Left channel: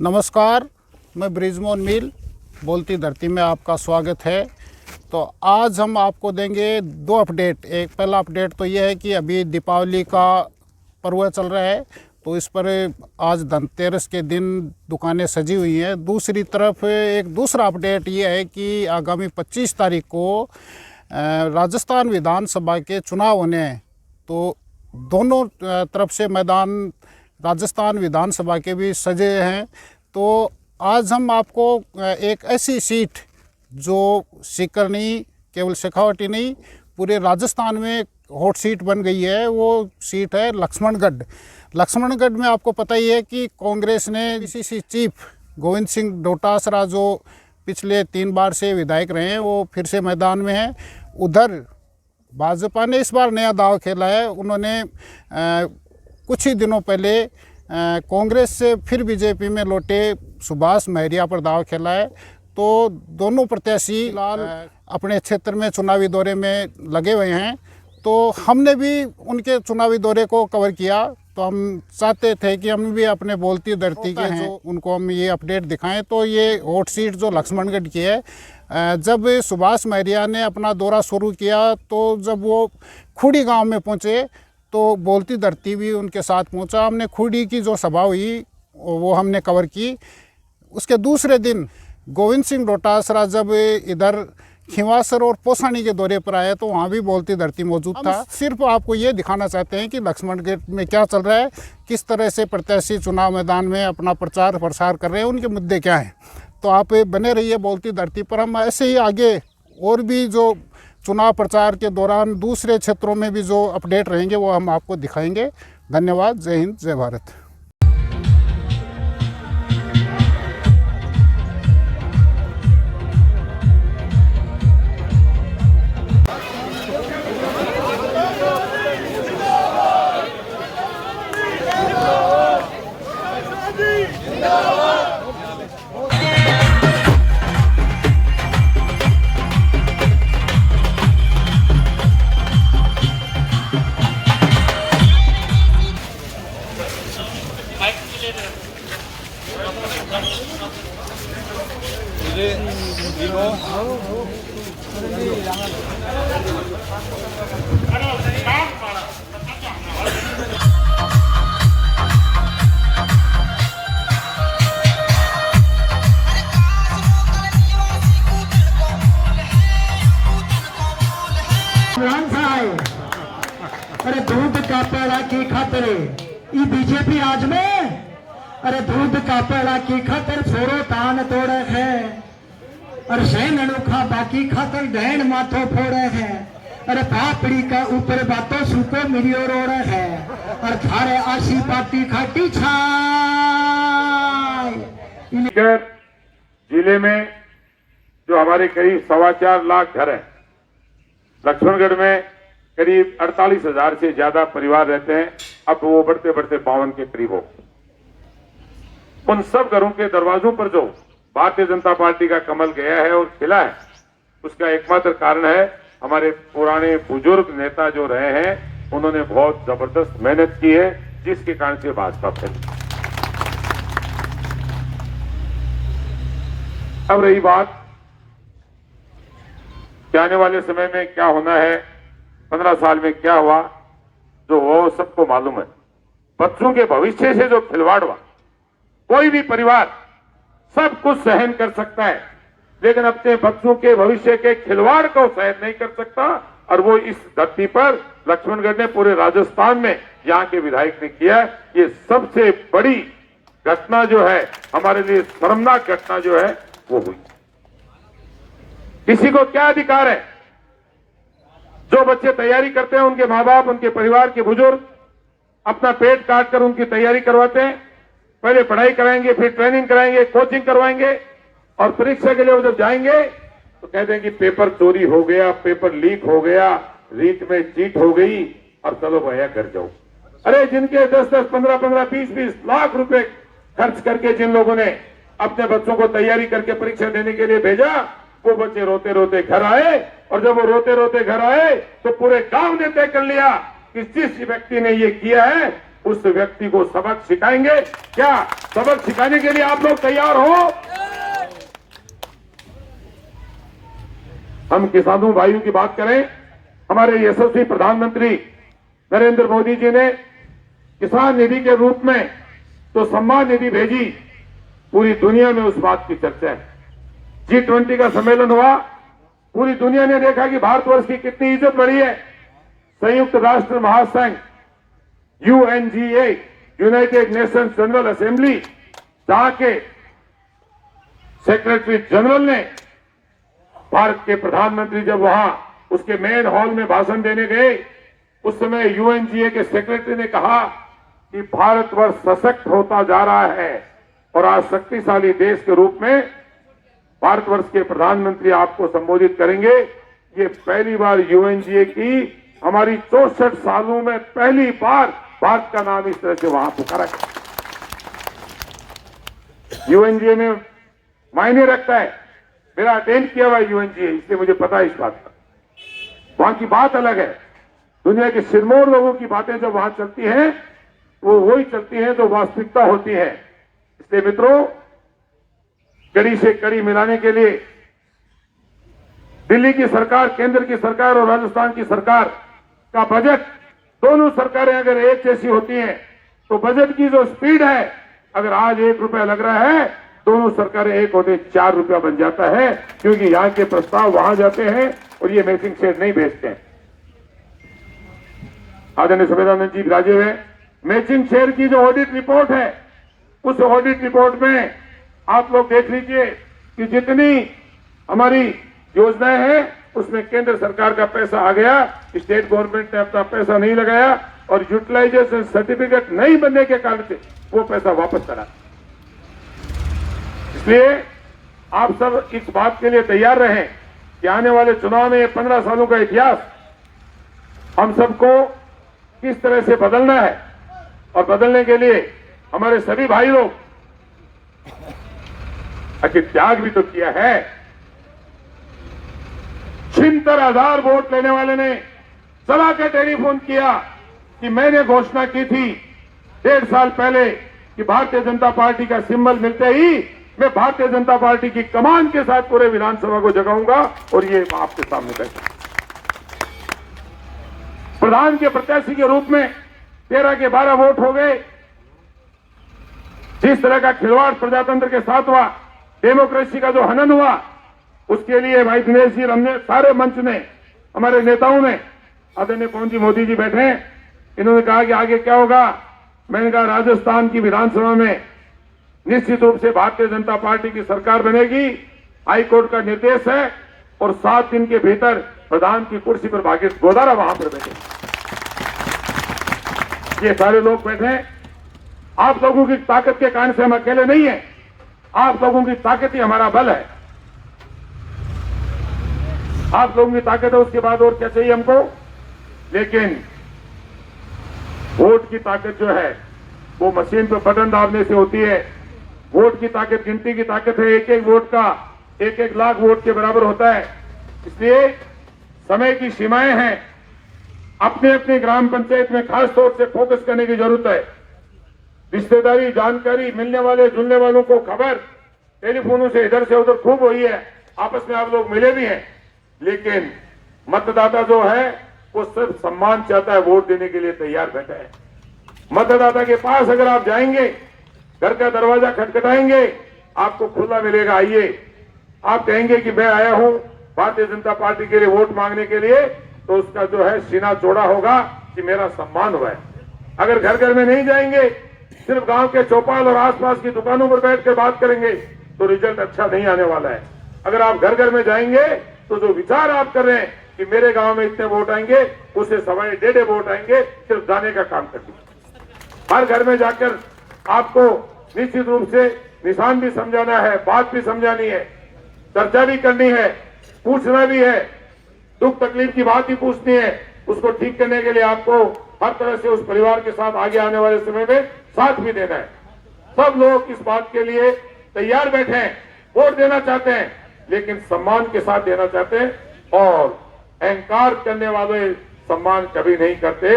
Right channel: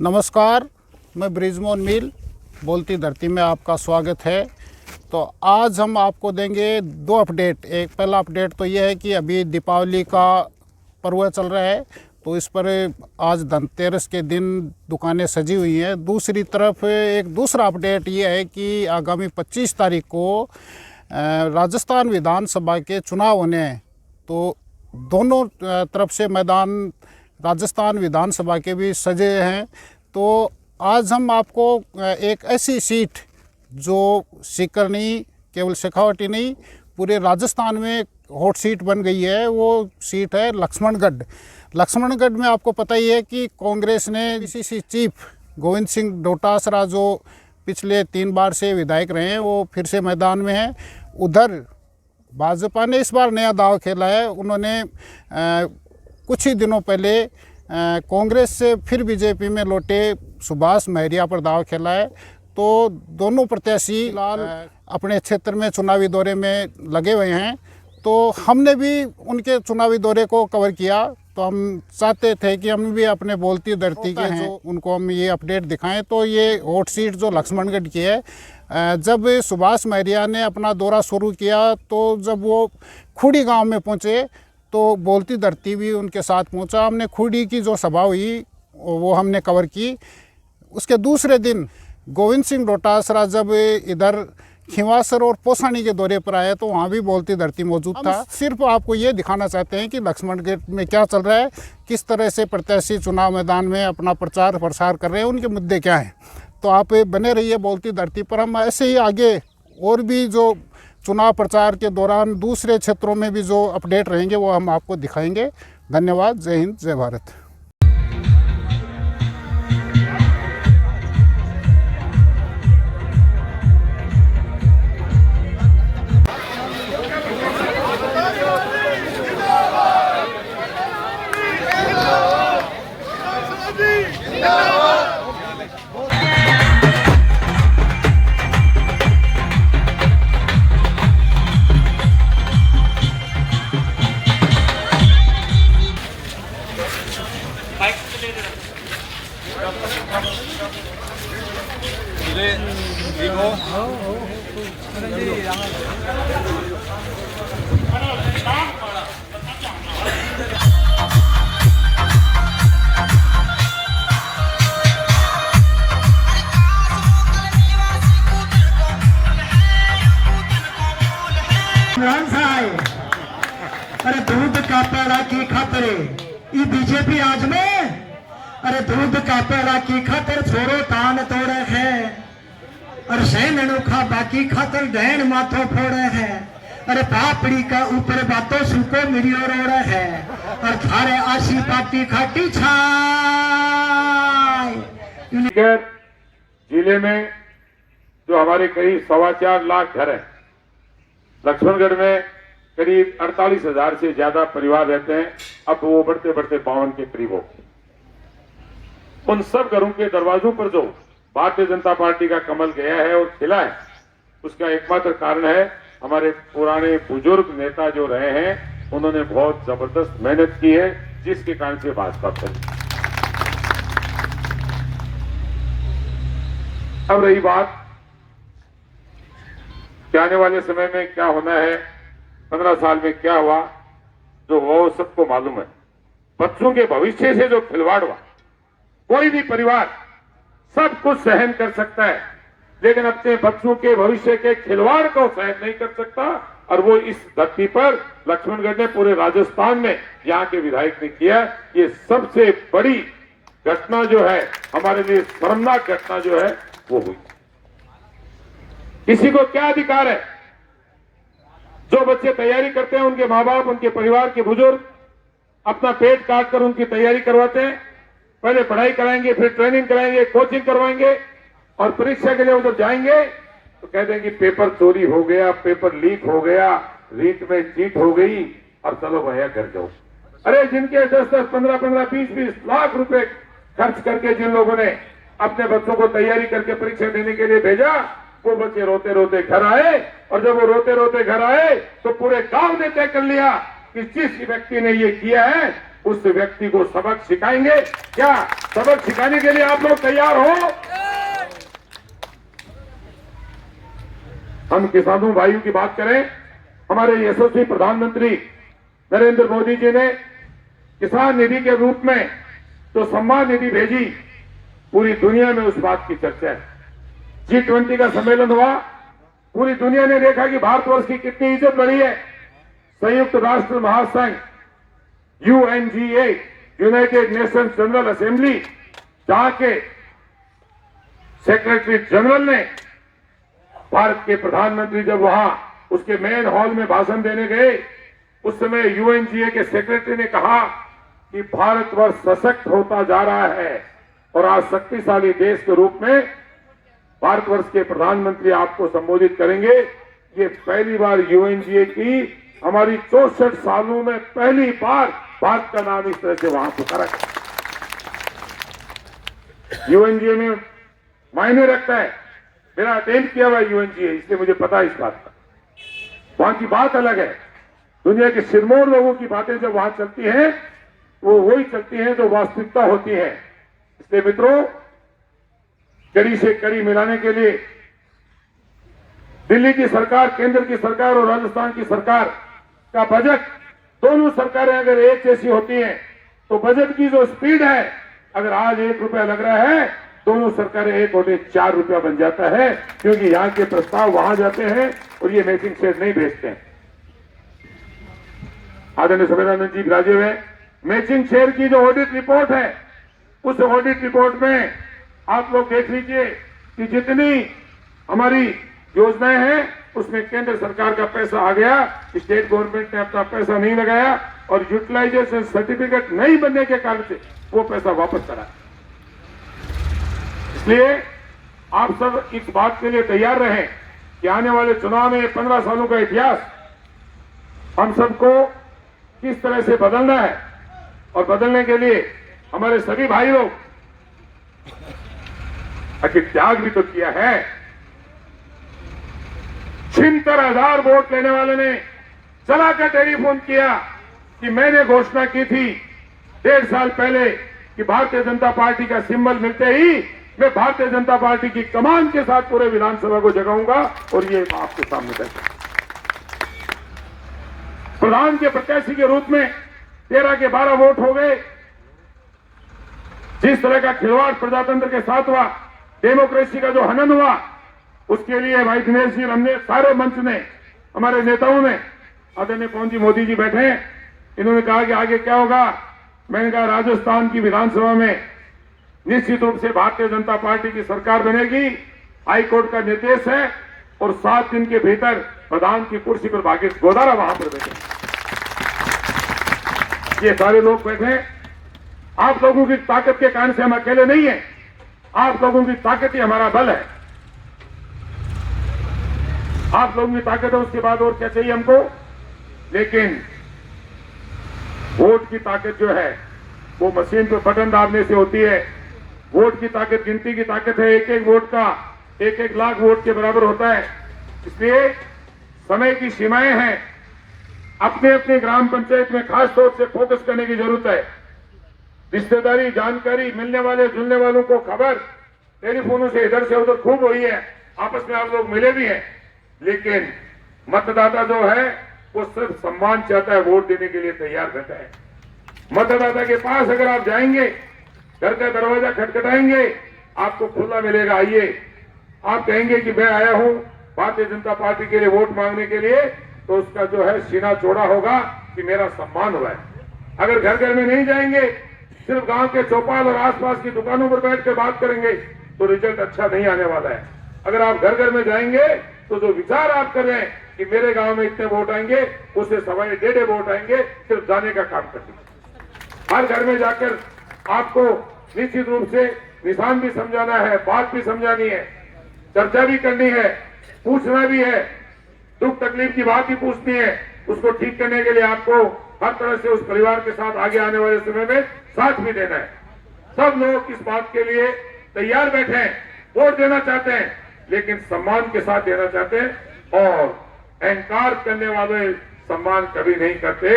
नमस्कार, मैं ब्रिजमोहन मील बोलती धरती में आपका स्वागत है। तो आज हम आपको देंगे दो अपडेट। एक पहला अपडेट तो ये है कि अभी दीपावली का पर्व चल रहा है, तो इस पर आज धनतेरस के दिन दुकानें सजी हुई हैं। दूसरी तरफ एक दूसरा अपडेट ये है कि आगामी 25 तारीख को राजस्थान विधानसभा के चुनाव होने हैं, तो दोनों तरफ से मैदान राजस्थान विधानसभा के भी सजे हैं। तो आज हम आपको एक ऐसी सीट जो सीकर नहीं, केवल शेखावटी नहीं, पूरे राजस्थान में हॉट सीट बन गई है, वो सीट है लक्ष्मणगढ़। लक्ष्मणगढ़ में आपको पता ही है कि कांग्रेस ने पीसीसी चीफ गोविंद सिंह डोटासरा, जो पिछले 3 बार से विधायक रहे हैं, वो फिर से मैदान में हैं। उधर भाजपा ने इस बार नया दाव खेला है। उन्होंने कुछ ही दिनों पहले कांग्रेस से फिर बीजेपी में लौटे सुभाष महरिया पर दाव खेला है। तो दोनों प्रत्याशी फिलहाल अपने क्षेत्र में चुनावी दौरे में लगे हुए हैं। तो हमने भी उनके चुनावी दौरे को कवर किया। तो हम चाहते थे कि हम भी अपने बोलती धरती के हैं, उनको हम ये अपडेट दिखाएं। तो ये हॉट सीट जो लक्ष्मणगढ़ की है, जब सुभाष महरिया ने अपना दौरा शुरू किया, तो जब वो खुड़ी गांव में पहुंचे तो बोलती धरती भी उनके साथ पहुंचा। हमने खुड़ी की जो सभा हुई वो हमने कवर की। उसके दूसरे दिन गोविंद सिंह डोटासरा जब इधर खिंवासर और पोसानी के दौरे पर आए, तो वहाँ भी बोलती धरती मौजूद था। सिर्फ आपको ये दिखाना चाहते हैं कि लक्ष्मणगढ़ में क्या चल रहा है, किस तरह से प्रत्याशी चुनाव मैदान में अपना प्रचार प्रसार कर रहे हैं, उनके मुद्दे क्या हैं। तो आप बने रहिए बोलती धरती पर। हम ऐसे ही आगे और भी जो चुनाव प्रचार के दौरान दूसरे क्षेत्रों में भी जो अपडेट रहेंगे वो हम आपको दिखाएंगे। धन्यवाद। जय हिंद, जय भारत। अरे दूध का पेड़ा की खातिर ये बीजेपी आज में, अरे दूध का पेड़ा की खातिर छोरो तान तोड़े है, और सैन अनोखा बाकी खातिर डैन माथो फोड़े है। अरे पापड़ी का ऊपर बातों सुको मिरियो रोड़े है, और थारे आशी पाती खाटी छाई। जिले में जो हमारे करीब 4.25 लाख घर हैं, लक्ष्मणगढ़ में करीब 48,000 से ज्यादा परिवार रहते हैं। अब वो बढ़ते बढ़ते 52 के करीब हो। उन सब घरों के दरवाजों पर जो भारतीय जनता पार्टी का कमल गया है और खिला है, उसका एकमात्र कारण है हमारे पुराने बुजुर्ग नेता जो रहे हैं, उन्होंने बहुत जबरदस्त मेहनत की है, जिसके कारण से भाजपा फैली। अब रही बात कि आने वाले समय में क्या होना है, 15 साल में क्या हुआ, जो वो सबको मालूम है। बच्चों के भविष्य से जो खिलवाड़ हुआ, कोई भी परिवार सब कुछ सहन कर सकता है, लेकिन अपने बच्चों के भविष्य के खिलवाड़ को सहन नहीं कर सकता। और वो इस धरती पर लक्ष्मणगढ़ ने, पूरे राजस्थान में यहाँ के विधायक ने किया। ये सबसे बड़ी घटना जो है, हमारे लिए शर्मनाक घटना जो है वो हुई। किसी को क्या अधिकार है? जो बच्चे तैयारी करते हैं, उनके माँ बाप, उनके परिवार के बुजुर्ग अपना पेट काट कर उनकी तैयारी करवाते हैं। पहले पढ़ाई कराएंगे, फिर ट्रेनिंग कराएंगे, कोचिंग करवाएंगे, और परीक्षा के लिए वो जब जाएंगे तो कह देंगे पेपर चोरी हो गया, पेपर लीक हो गया, रीट में चीट हो गई, और चलो भैया घर जाओ। अरे जिनके 10-10, 15-15, 20-20 लाख रुपए खर्च करके जिन लोगों ने अपने बच्चों को तैयारी करके परीक्षा देने के लिए भेजा, वो बच्चे रोते रोते घर आए। और जब वो रोते रोते घर आए तो पूरे गांव ने तय कर लिया कि जिस व्यक्ति ने ये किया है उस व्यक्ति को सबक सिखाएंगे। क्या सबक सिखाने के लिए आप लोग तैयार हो? हम किसानों भाइयों की बात करें, हमारे यशस्वी प्रधानमंत्री नरेंद्र मोदी जी ने किसान निधि के रूप में तो सम्मान निधि भेजी, पूरी दुनिया में उस बात की चर्चा है। G20 का सम्मेलन हुआ, पूरी दुनिया ने देखा कि भारतवर्ष की कितनी इज्जत बढ़ी है। संयुक्त राष्ट्र महासंघ UNGA, United Nations general assembly, जहां के सेक्रेटरी जनरल ने भारत के प्रधानमंत्री जब वहां उसके मेन हॉल में भाषण देने गए, उस समय UNGA के सेक्रेटरी ने कहा कि भारतवर्ष सशक्त होता जा रहा है और आज शक्तिशाली देश के रूप में भारतवर्ष के प्रधानमंत्री आपको संबोधित करेंगे। ये पहली बार UNGA की हमारी 64 सालों में पहली बार भारत का नाम इस तरह से वहां पुकारा गया। UNGA में मायने रखता है, मेरा अटेंड किया हुआ UNGA, इसलिए मुझे पता है इस बात का। वहां की बात अलग है। दुनिया के सिरमौर लोगों की बातें जब वहां चलती हैं, वो वही चलती हैं जो वास्तविकता होती है। इसलिए मित्रों, कड़ी से कड़ी मिलाने के लिए दिल्ली की सरकार, केंद्र की सरकार और राजस्थान की सरकार का बजट, दोनों सरकारें अगर एक जैसी होती हैं तो बजट की जो स्पीड है, अगर आज 1 रुपया लग रहा है, दोनों सरकारें एक होते 4 रुपया बन जाता है, क्योंकि यहां के प्रस्ताव वहां जाते हैं और ये मैचिंग शेयर नहीं भेजते हैं। आदरणीय सभेदानंद जी विराजे हुए, मैचिंग शेयर की जो ऑडिट रिपोर्ट है, उस ऑडिट रिपोर्ट में आप लोग देख लीजिए कि जितनी हमारी योजनाएं हैं उसमें केंद्र सरकार का पैसा आ गया, स्टेट गवर्नमेंट ने अपना पैसा नहीं लगाया और यूटिलाइजेशन सर्टिफिकेट नहीं बनने के कारण से वो पैसा वापस करा। इसलिए आप सब इस बात के लिए तैयार रहें कि आने वाले चुनाव में 15 सालों का इतिहास हम सबको किस तरह से बदलना है, और बदलने के लिए हमारे सभी भाई लोग आखिर त्याग भी तो किया है। 76,000 वोट लेने वाले ने चला कर टेलीफोन किया कि मैंने घोषणा की थी 1.5 साल पहले कि भारतीय जनता पार्टी का सिंबल मिलते ही मैं भारतीय जनता पार्टी की कमान के साथ पूरे विधानसभा को जगाऊंगा, और ये आपके सामने बैठा। प्रधान के प्रत्याशी के रूप में 13 के 12 वोट हो गए। जिस तरह का खिलवाड़ प्रजातंत्र के साथ हुआ, डेमोक्रेसी का जो हनन हुआ, उसके लिए भाई दिनेश जी, हमने सारे मंच ने, हमारे नेताओं ने, आदरणीय पवन जी मोदी जी बैठे हैं, इन्होंने कहा कि आगे क्या होगा। मैंने कहा राजस्थान की विधानसभा में निश्चित रूप से भारतीय जनता पार्टी की सरकार बनेगी। हाईकोर्ट का निर्देश है और 7 दिन के भीतर प्रधान की कुर्सी पर भागीरथ गोदारा वहां पर बैठे। ये सारे लोग बैठे हैं। आप लोगों की ताकत के कारण से हम अकेले नहीं हैं। आप लोगों की ताकत ही हमारा बल है। आप लोगों की ताकत है, उसके बाद और क्या चाहिए हमको। लेकिन वोट की ताकत जो है वो मशीन पे बटन दाबने से होती है। वोट की ताकत गिनती की ताकत है। एक एक वोट का 1-1 लाख वोट के बराबर होता है। इसलिए समय की सीमाएं हैं। अपने अपने ग्राम पंचायत में खास तौर से फोकस करने की जरूरत है। रिश्तेदारी, जानकारी, मिलने वाले जुलने वालों को खबर टेलीफोनों से इधर से उधर खूब हुई है। आपस में आप लोग मिले भी हैं। लेकिन मतदाता जो है वो सिर्फ सम्मान चाहता है, वोट देने के लिए तैयार बैठा है। मतदाता के पास अगर आप जाएंगे, घर का दरवाजा खटखटाएंगे, आपको खुला मिलेगा, आइए। आप कहेंगे कि मैं आया हूं भारतीय जनता पार्टी के लिए वोट मांगने के लिए, तो उसका जो है सीना चौड़ा होगा कि मेरा सम्मान हुआ है। अगर घर घर में नहीं जाएंगे, सिर्फ गांव के चौपाल और आसपास की दुकानों पर बैठ कर बात करेंगे, तो रिजल्ट अच्छा नहीं आने वाला है। अगर आप घर घर में जाएंगे तो जो विचार आप कर रहे हैं कि मेरे गांव में इतने वोट आएंगे, उससे 1.5 वोट आएंगे, सिर्फ जाने का काम कर दीजिए। हर घर में जाकर आपको निश्चित रूप से निशान भी समझाना है, बात भी समझानी है, चर्चा भी करनी है, पूछना भी है, दुख तकलीफ की बात ही पूछनी है। उसको ठीक करने के लिए आपको हर तरह से उस परिवार के साथ आगे आने वाले समय में साथ भी देना है। सब लोग इस बात के लिए तैयार बैठे हैं, वोट देना चाहते हैं, लेकिन सम्मान के साथ देना चाहते हैं। और अहंकार करने वाले सम्मान कभी नहीं करते।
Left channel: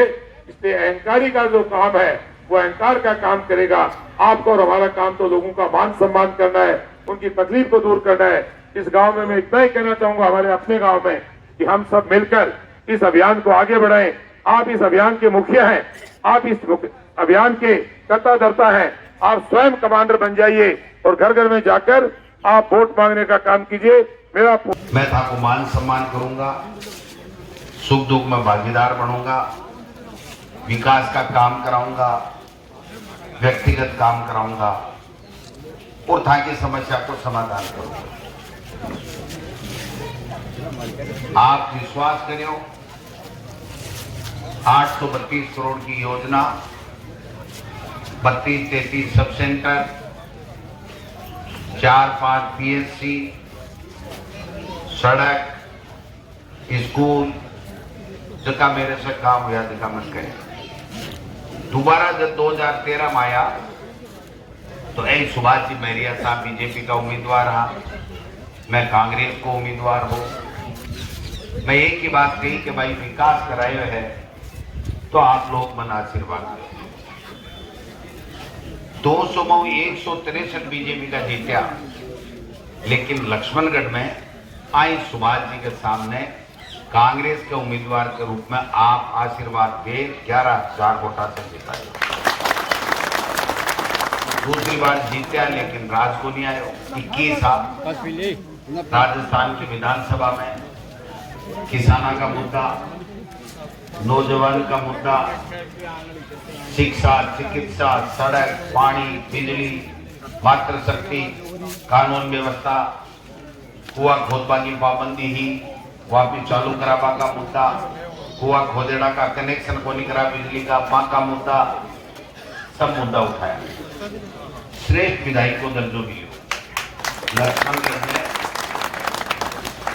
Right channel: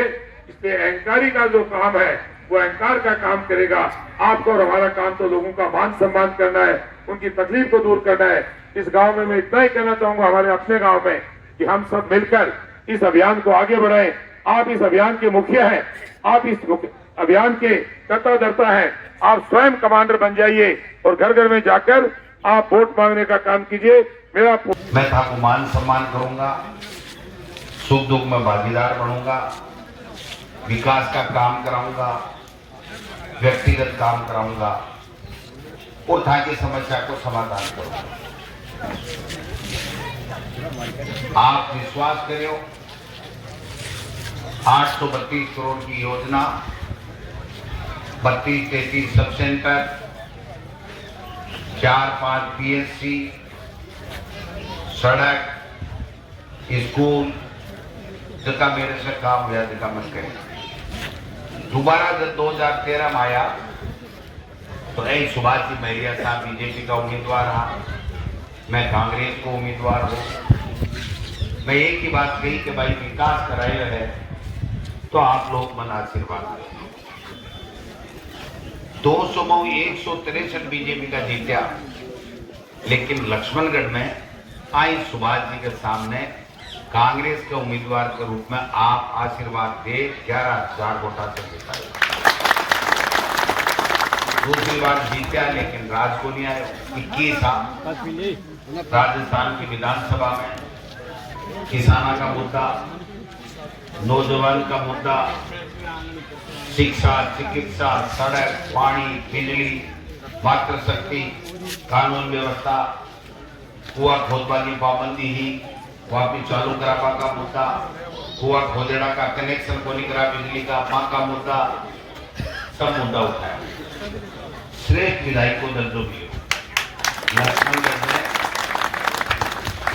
इसलिए अहंकारी का जो काम है वो अहंकार का काम करेगा। आपको और हमारा काम तो लोगों का मान सम्मान करना है, उनकी तकलीफ को दूर करना है। इस गांव में मैं इतना ही कहना चाहूंगा, हमारे अपने गांव में, कि हम सब मिलकर इस अभियान को आगे बढ़ाएं। आप इस अभियान के मुखिया हैं, आप इस अभियान के कर्ता धर्ता हैं। आप स्वयं कमांडर बन जाइए और घर घर में जाकर आप वोट मांगने का काम कीजिए। मैं आपको मान सम्मान करूंगा, सुख दुख में भागीदार बनूंगा, विकास का काम कराऊंगा, व्यक्तिगत काम कराऊंगा और था की समस्या को समाधान करूंगा। आप विश्वास करो, 832 करोड़ की योजना, 32-33 सब सेंटर, 4-5 PSC, सड़क, स्कूल, जितना मेरे से काम हुआ जितना मत करें। दोबारा जब 2013 में आया तो एम सुभाष जी महरिया साहब बीजेपी का उम्मीदवार रहा, मैं कांग्रेस को उम्मीदवार हूं। मैं एक ही बात कही कि भाई विकास कराए है तो आप लोग मन आशीर्वाद दें। 200 में 163 बीजेपी का जीता, लेकिन लक्ष्मणगढ़ में आई सुभाष जी के सामने कांग्रेस के उम्मीदवार के रूप में आप आशीर्वाद दे 11,000 वोटा से जिताए। दूसरी बार जीता लेकिन राज को नहीं आए। 21 साल राजस्थान की विधानसभा में किसानों का मुद्दा, नौजवान का मुद्दा, शिक्षा, चिकित्सा, सड़क, पानी, बिजली, मातृशक्ति, कानून व्यवस्था, कुआ खोदबाजी पाबंदी ही वापिस चालू करावा का मुद्दा, कुआ खोदेड़ा का कनेक्शन को नहीं करा, बिजली का मां का मुद्दा, सब मुद्दा उठाया। श्रेष्ठ विधायक को दर्जो मिलो, लक्ष्मणगढ़ में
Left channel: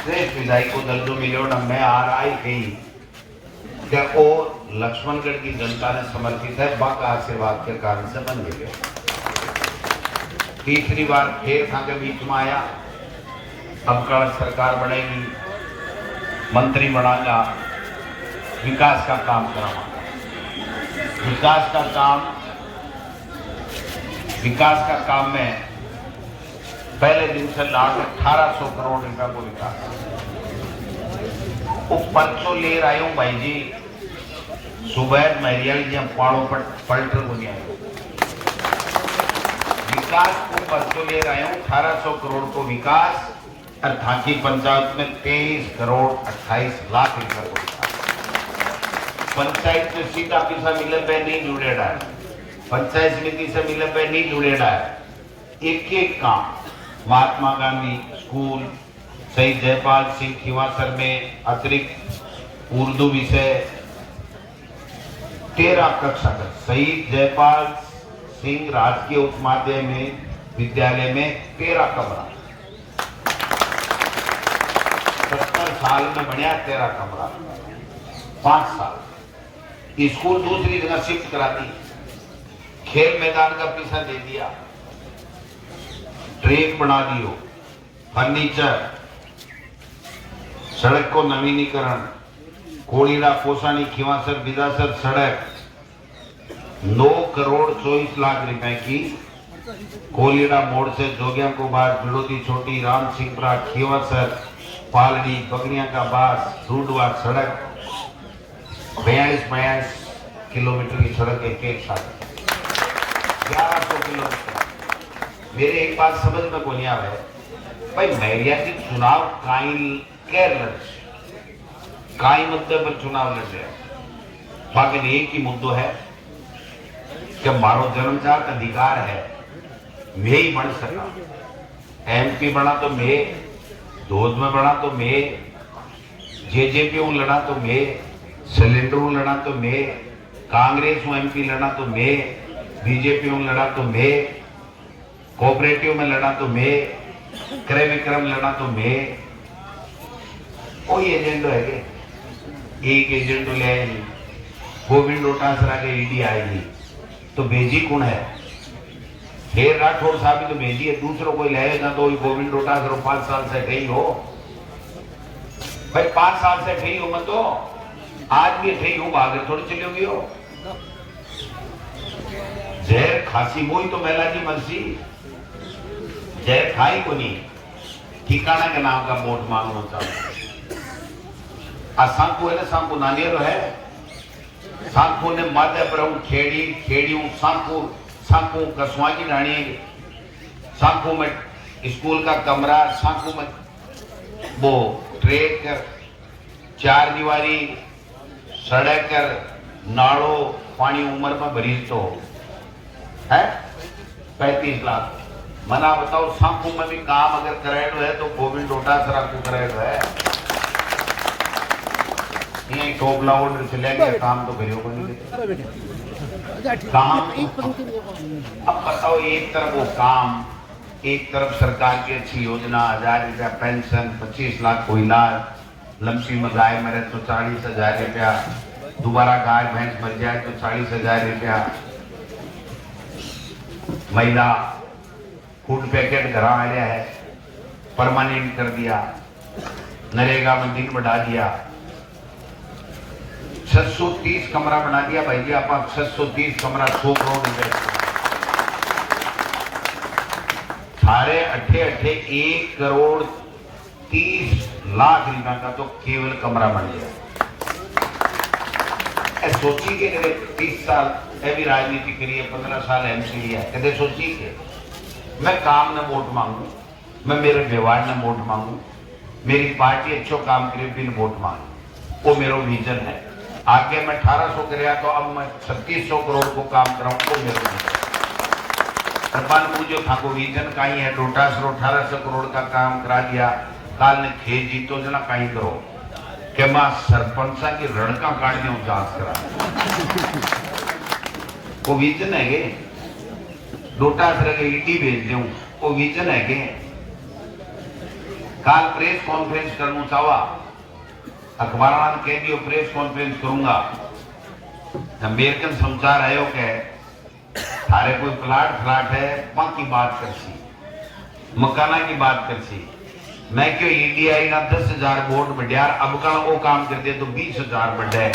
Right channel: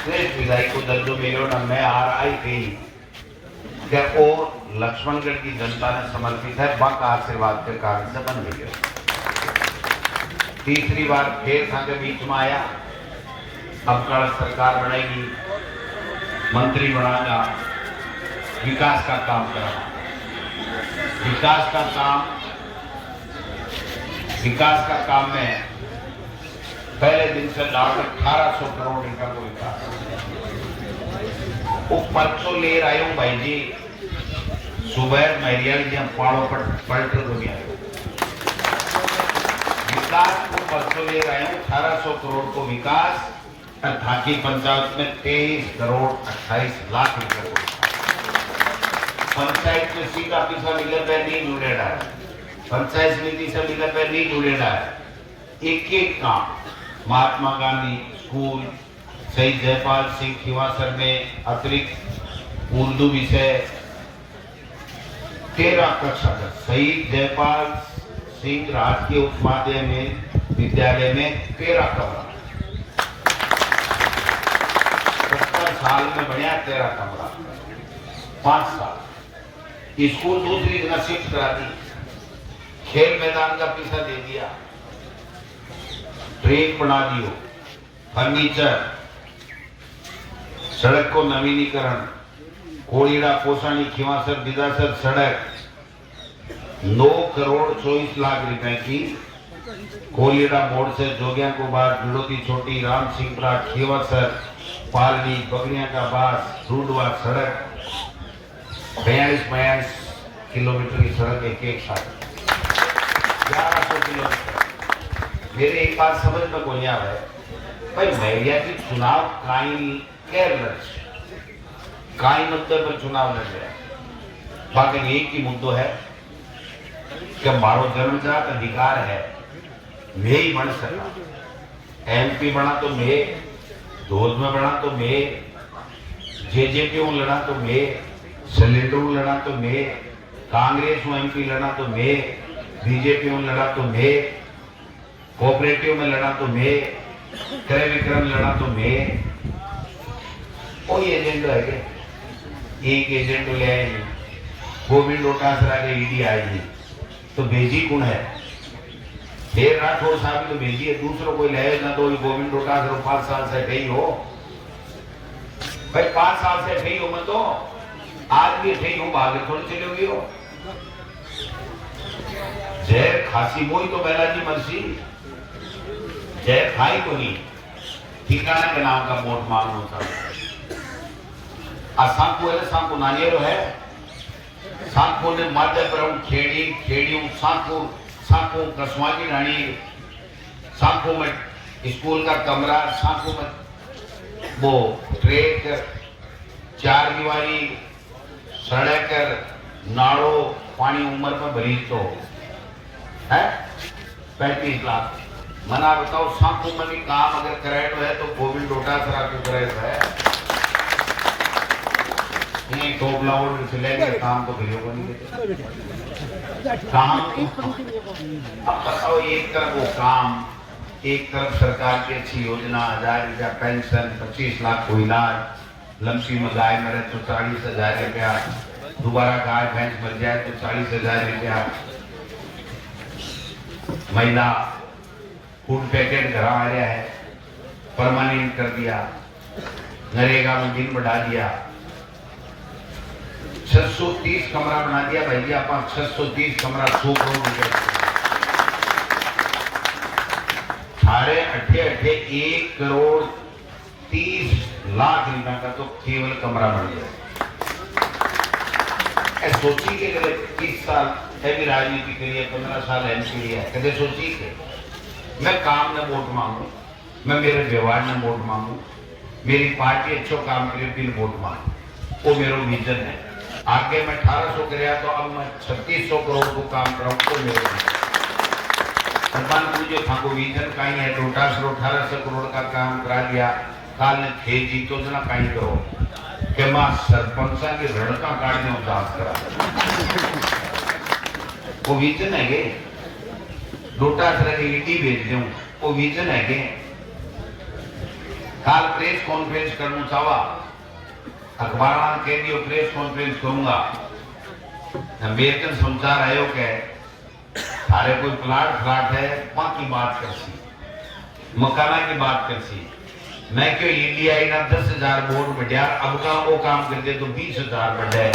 श्रेष्ठ विधायक को दर्जो मिलो न। मैं आ रहा ही थी और लक्ष्मणगढ़ की जनता ने समर्पित है, बाका आशीर्वाद के कारण से बन गए। तीसरी बार फिर था के बीच में आया, अब कल सरकार बनेगी, मंत्री बनागा, विकास का काम कराऊंगा। विकास का काम में पहले दिन से लगभग 1800 करोड़ रुपया को विकास वो परसों ले रहा हूं भाई जी, सुबह महरियल जी पाड़ों पर पलट दुनिया विकास को परसों ले रहा हूं 1800 करोड़ को विकास, और ढाकी पंचायत में 23 करोड़ 28 लाख रुपए को पंचायत से सीधा पैसा मिले पे नहीं जुड़ेगा है, पंचायत समिति से मिले पे नहीं जुड़ेगा है। एक एक काम महात्मा गांधी स्कूल, शहीद जयपाल सिंह खींवासर में अतिरिक्त उर्दू विषय 13 कक्षा तक, शहीद जयपाल सिंह राजकीय उच्च माध्यमिक विद्यालय में 13 कमरा, 70 साल में बढ़िया 13 कमरा, 5 साल स्कूल दूसरी जगह शिफ्ट करा दी, खेल मैदान का पैसा दे दिया, ट्रेन बना दियो, फर्नीचर, सड़क को नवीनीकरण, कोड़ीड़ा पोसानी खींवासर बिदासर सड़क 9 करोड़ 24 लाख रुपए की, कोलीड़ा मोड़ से जोगिया को बाद बिलोदी छोटी राम सिंहपुरा खींवासर पालड़ी बगड़िया का बास रूडवा सड़क 42 किलोमीटर की सड़क एक साथ 1100 किलोमीटर। मेरे एक बात समझ में को नहीं आ रहा है भाई, महरिया की चुनाव काई मुद्दे पर चुनाव लड़ रहा है, बाकी एक ही मुद्दों है कि मारो जन्मजात अधिकार है, मैं ही बन सका, MP बना तो मैं, धोज में बना तो मैं, JJP में लड़ा तो मैं, सिलेंडर में लड़ा तो मैं, कांग्रेस में MP लड़ा तो मैं, BJP में लड़ा तो मैं, कोऑपरेटिव में लड़ा तो मैं, क्रय विक्रय लड़ा तो मैं। कोई एजेंडो है क्या? एक एजेंडो ले आए नहीं, गोविंद डोटासरा के ED आएगी तो भेजी कौन है? फिर राठौर साहब तो भेजी है, दूसरों कोई लाए ना तो गोविंद डोटासरा 5 साल से ठही हो भाई, 5 साल से ठही हो मैं तो आज भी ठही हूं, आगे थोड़ी चली हुई हो। जहर खासी वही तो बेला की मर्जी, जहर खाई को नहीं ठिकाना के नाम का वोट मांगो था। सांको है सांको नानियर है, सांको ने माध्य पर खेड़ी खेड़ियों सांको सांको कसवाजी रानी, सांको में स्कूल का कमरा, सांको में वो ट्रेक, चार दीवारी, सड़क, नाड़ो, पानी उम्र में भरी तो है 35 लाख। मना बताओ सांको में भी काम अगर कराए है तो गोविंद डोटासरा को कराए है, ये टोपला और सिलेंगे काम तो करियो नहीं काम। अब बताओ एक तरफ वो काम, एक तरफ सरकार की अच्छी योजना, 1000 रुपया पेंशन, 25 लाख को इलाज, लमसी में गाय मरे तो 40,000 रुपया, दोबारा गाय भैंस मर जाए तो 40,000 रुपया, महिला फूड पैकेट घर आ रहा है, परमानेंट कर दिया, नरेगा में दिन बढ़ा दिया, 630 कमरा बना दिया भाई जी, आप 630 कमरा 100 करोड़ रुपए सारे अठे 1 करोड़ 30 लाख रुपए का तो केवल कमरा बन गया। सोची के 30 साल भी राजनीति करिए, 15 साल एमपी है, कदे सोची के मैं काम न वोट मांगू, मैं मेरे व्यवहार न वोट मांगू, मेरी पार्टी अच्छो काम करे बिल वोट मांगू, वो मेरा विजन है। आगे मैं 1800 कराया तो अब मैं 3600 करोड़ को काम कराऊं तो मेरे प्रधानमंत्री जो था को विजन कहीं है, डोटासरा 1800 करोड़ का काम करा दिया, काल ने थे जीतो जना कहीं करो कि मां सरपंचा की रड़का काटने उजात करा, वो विजन है गे। डोटासरा के ईडी भेज दूं, वो विजन है गे। काल प्रेस कॉन्फ्रेंस करना चाहवा, अखबार कह दियो प्रेस कॉन्फ्रेंस करूंगा, अमेरिकन समाचार आयो के थारे कोई फ्लैट है की बात करसी, मकाना की बात करसी, मैं क्यों ईडी आई ना 10,000 वोट बढ़िया, अब का वो काम कर दे तो 20,000 बढ़े।